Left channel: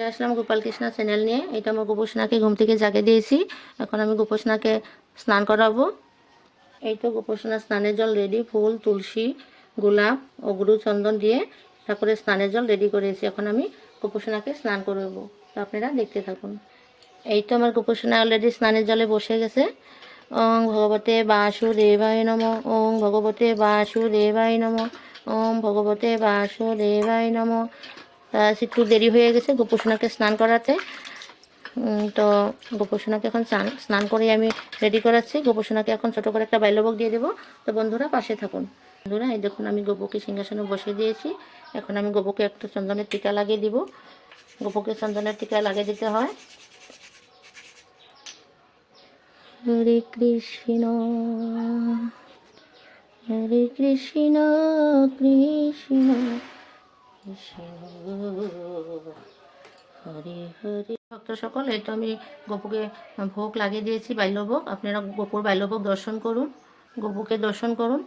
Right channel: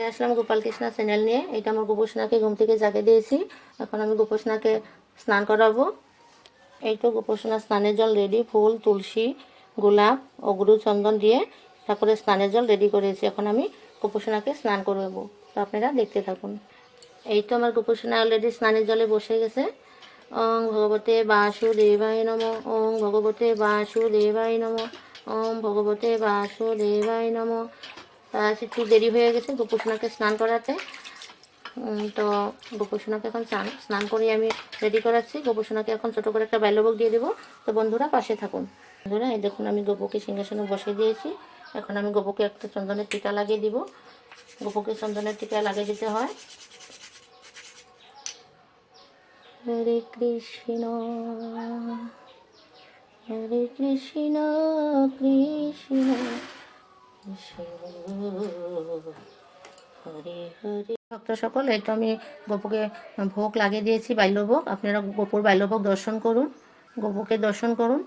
ফিরে আসলাম গোপাল কৃষ্ণা চ্যানেল নিয়ে। এটা আমার গোপোষণাকে ঘুম থেকে জাগে দিয়েছি। এখন আমি গোপোষণাকে স্নান করাবো। এই তো গোপোষণা স্নানের জল রেডি, ফুল, তুলসী, গোলাপ, অগরু, চন্দন দিয়ে ঠাকুরের স্নানের জল রেডি করেছি। এখন আমি গোপোষণাকে স্নান করবো, তো আপনারা দেখতে থাকুন। এই তো আমার গোপোষণা অলরেডি স্নানের জলে বসে গেছে। ওং ভগবতে বাসুদেবায় নমঃ, ওং ভগবতে বাসুদেবায় নমঃ, ওং ভগবতে বাসুদেবায় নমঃ। একটু দেরি হয়ে গেছে গোপোষণাকে স্নান করাতে। তো গোপোষণাকে এখন স্নান করে আমি রেডি করাচ্ছি। গোপোষণাকে এখন ছোটো করে একটা বাল্যভোগ দিয়ে দেবো। তো বন্ধুরা পাশে থাকুন। বন্ধুরা এই দেখুন আমি গোপুকে সিংহাসনে বসিয়ে দিয়েছি। এখন আমি গোপুকে একটা চন্দনের টিকা লাগিয়ে দিব। গোপুকে চন্দনের টিকা লাগিয়ে দিতে হয়। হরে কৃষ্ণ হরে কৃষ্ণ কৃষ্ণ হরে হরে। ভক্ত সকল, এই তো আমি গোপুকে ভোগ লাগিয়ে দিয়েছি, বাল্যভোগ। আপনারা গোপুর বাল্যভোগ দর্শন করুন, গোপুকে দর্শন করুন।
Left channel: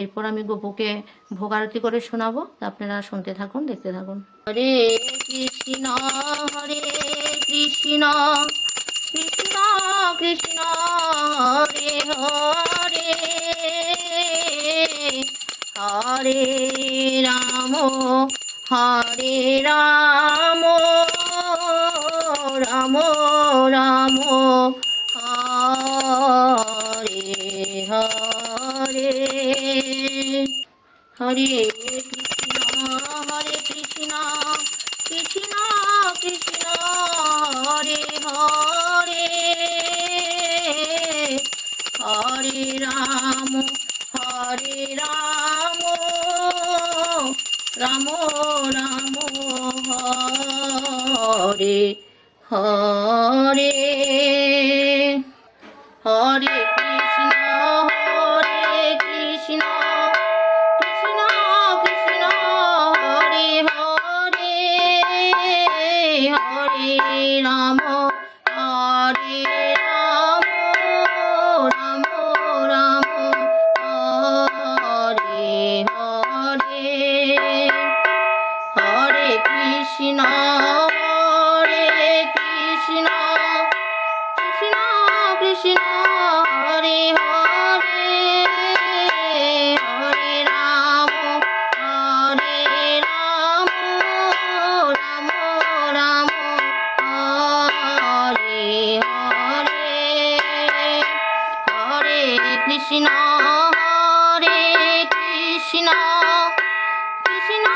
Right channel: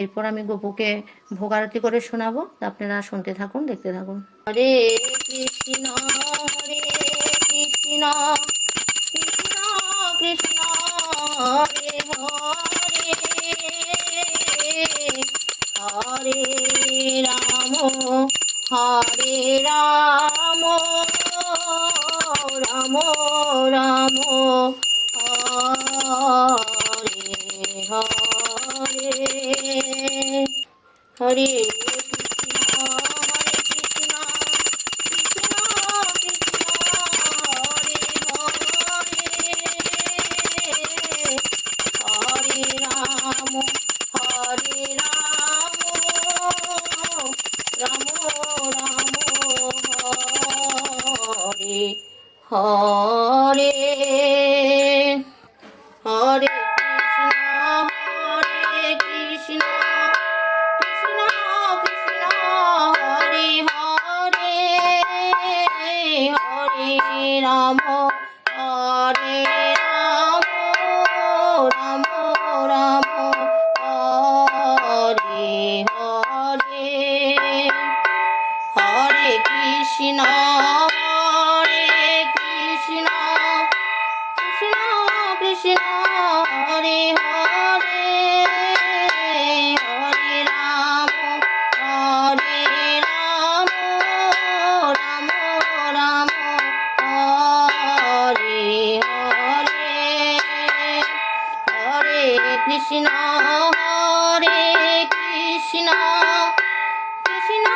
এরপর আমি গোপুকে ভোগ আরতি করে শোনাবো, তা আপনারা শুনতে থাকুন, দেখতে থাকুন। হরে কৃষ্ণ হরে কৃষ্ণ কৃষ্ণ কৃষ্ণ হরে হরে হরে রাম হরে রাম রাম রাম হরে হরে হরে কৃষ্ণ কৃষ্ণ কৃষ্ণ হরে হরে হরে রাম রাম রাম হরে হরে হরে কৃষ্ণ কৃষ্ণ কৃষ্ণ হরে হরে হরে রাম রাম রাম হরে হরে হরে কৃষ্ণ কৃষ্ণ কৃষ্ণ হরে হরে হরে রাম রাম রাম হরে হরে হরে কৃষ্ণ কৃষ্ণ কৃষ্ণ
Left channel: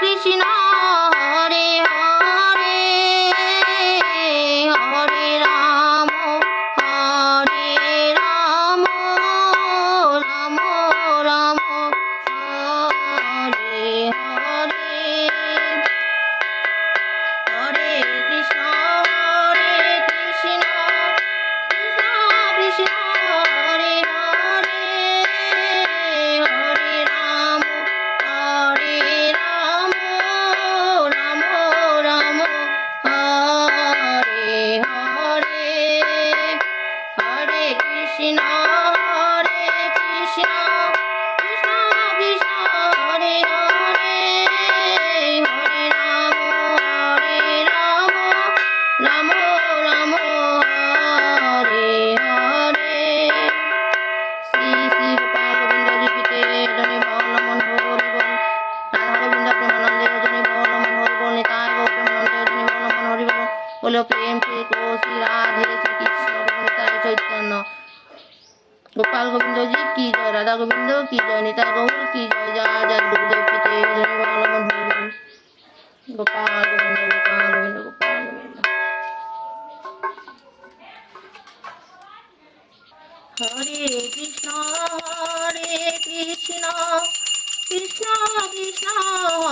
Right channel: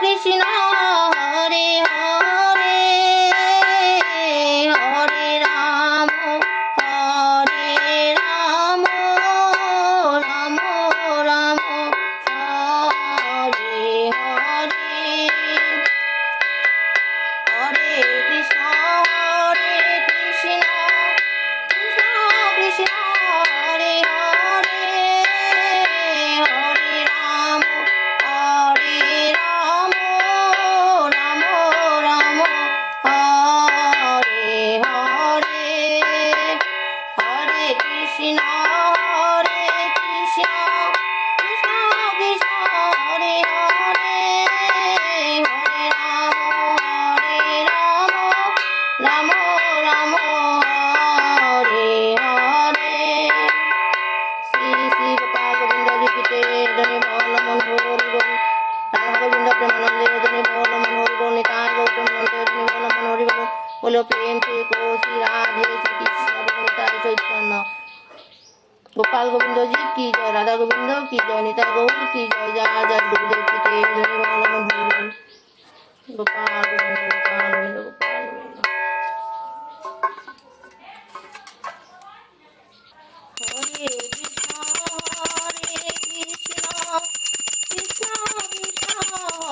কৃষ্ণ হরে হরে হরে রাম রাম রাম হরে হরে হরে কৃষ্ণ কৃষ্ণ কৃষ্ণ হরে হরে হরে রাম রাম রাম হরে হরে হরে কৃষ্ণ কৃষ্ণ কৃষ্ণ হরে হরে হরে রাম রাম রাম হরে হরে। শ্রী শ্রী গোপাল গোবিন্দ জীবিতে জনে বলমন হরি বল। রাধা গোবিন্দ প্রেমানন্দে জনে বলমন হরি বল। নিতাই গৌতমানন্দে জনে বলমন হরি বল। বলো প্রেম से को श्री राधे श्री कृष्ण निताय चैतन्य। गोपाल गोविंद जी की जय, राधा गोविंद की जय, निताय गौर की जय। जय जय गुरुदेव की जय, जय बलमन हरि बोल। गोपाल गोविंद गोपाल गोविंद गोपाल गोविंद। हरे कृष्ण कृष्ण कृष्ण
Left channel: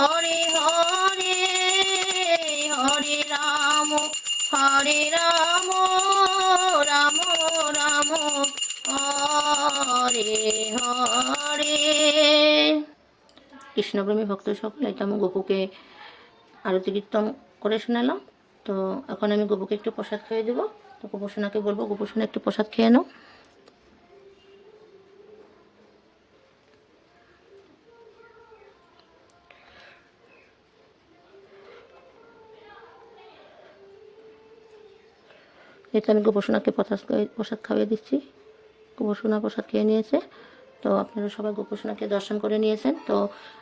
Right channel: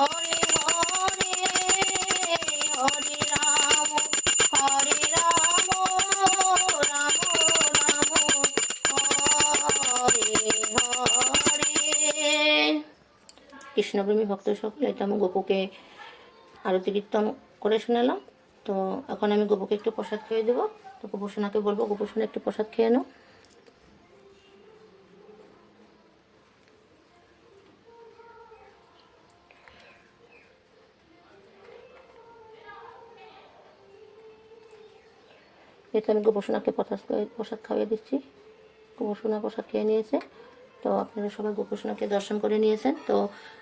हरे हरे हरे राम राम राम हरे हरे। কৃষ্ণপ্রেমী ভক্ত সকল, এটা আমি গোপুকে আরতি কীর্তন করে শোনালাম। তো এখন আমি গোপুকে একটু প্রসাদ খেয়ে দেবো। তো গোপোষণাকে বলবো, গোপোষণা একটু প্রসাদ খেয়ে নাও। এটা আমি গোপোষণাকে প্রসাদ খাইয়ে দিচ্ছি। গোপোষণা প্রসাদ খেয়ে নিয়েছে। তো আপনারা সবাই গোপোষণাকে দর্শন করে নিয়েছেন। তো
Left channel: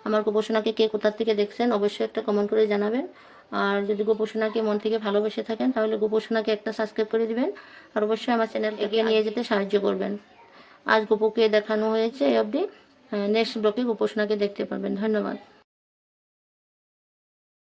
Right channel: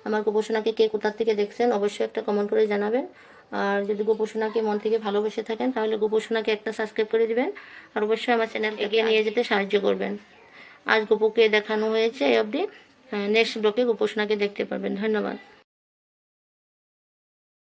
আমার গোপোষণাকে কে কোথা থেকে দেখছেন অবশ্যই একটা কমেন্ট করে জানাবেন। আর যদি গোপোষণাকে মন থেকে ভালোবেসে থাকেন তাহলে গোপোষণাকে একটা সাবস্ক্রাইব করে দিবেন। আর অবশ্যই আমার চ্যানেল এগিয়ে নিয়ে যেতে সাহায্য করবেন। আজ গোপুকে দেখানো হয়েছে এই অবধি। নেক্সট ব্লকে গোপোষণাকে দেখতে পারবেন। ধন্যবাদ।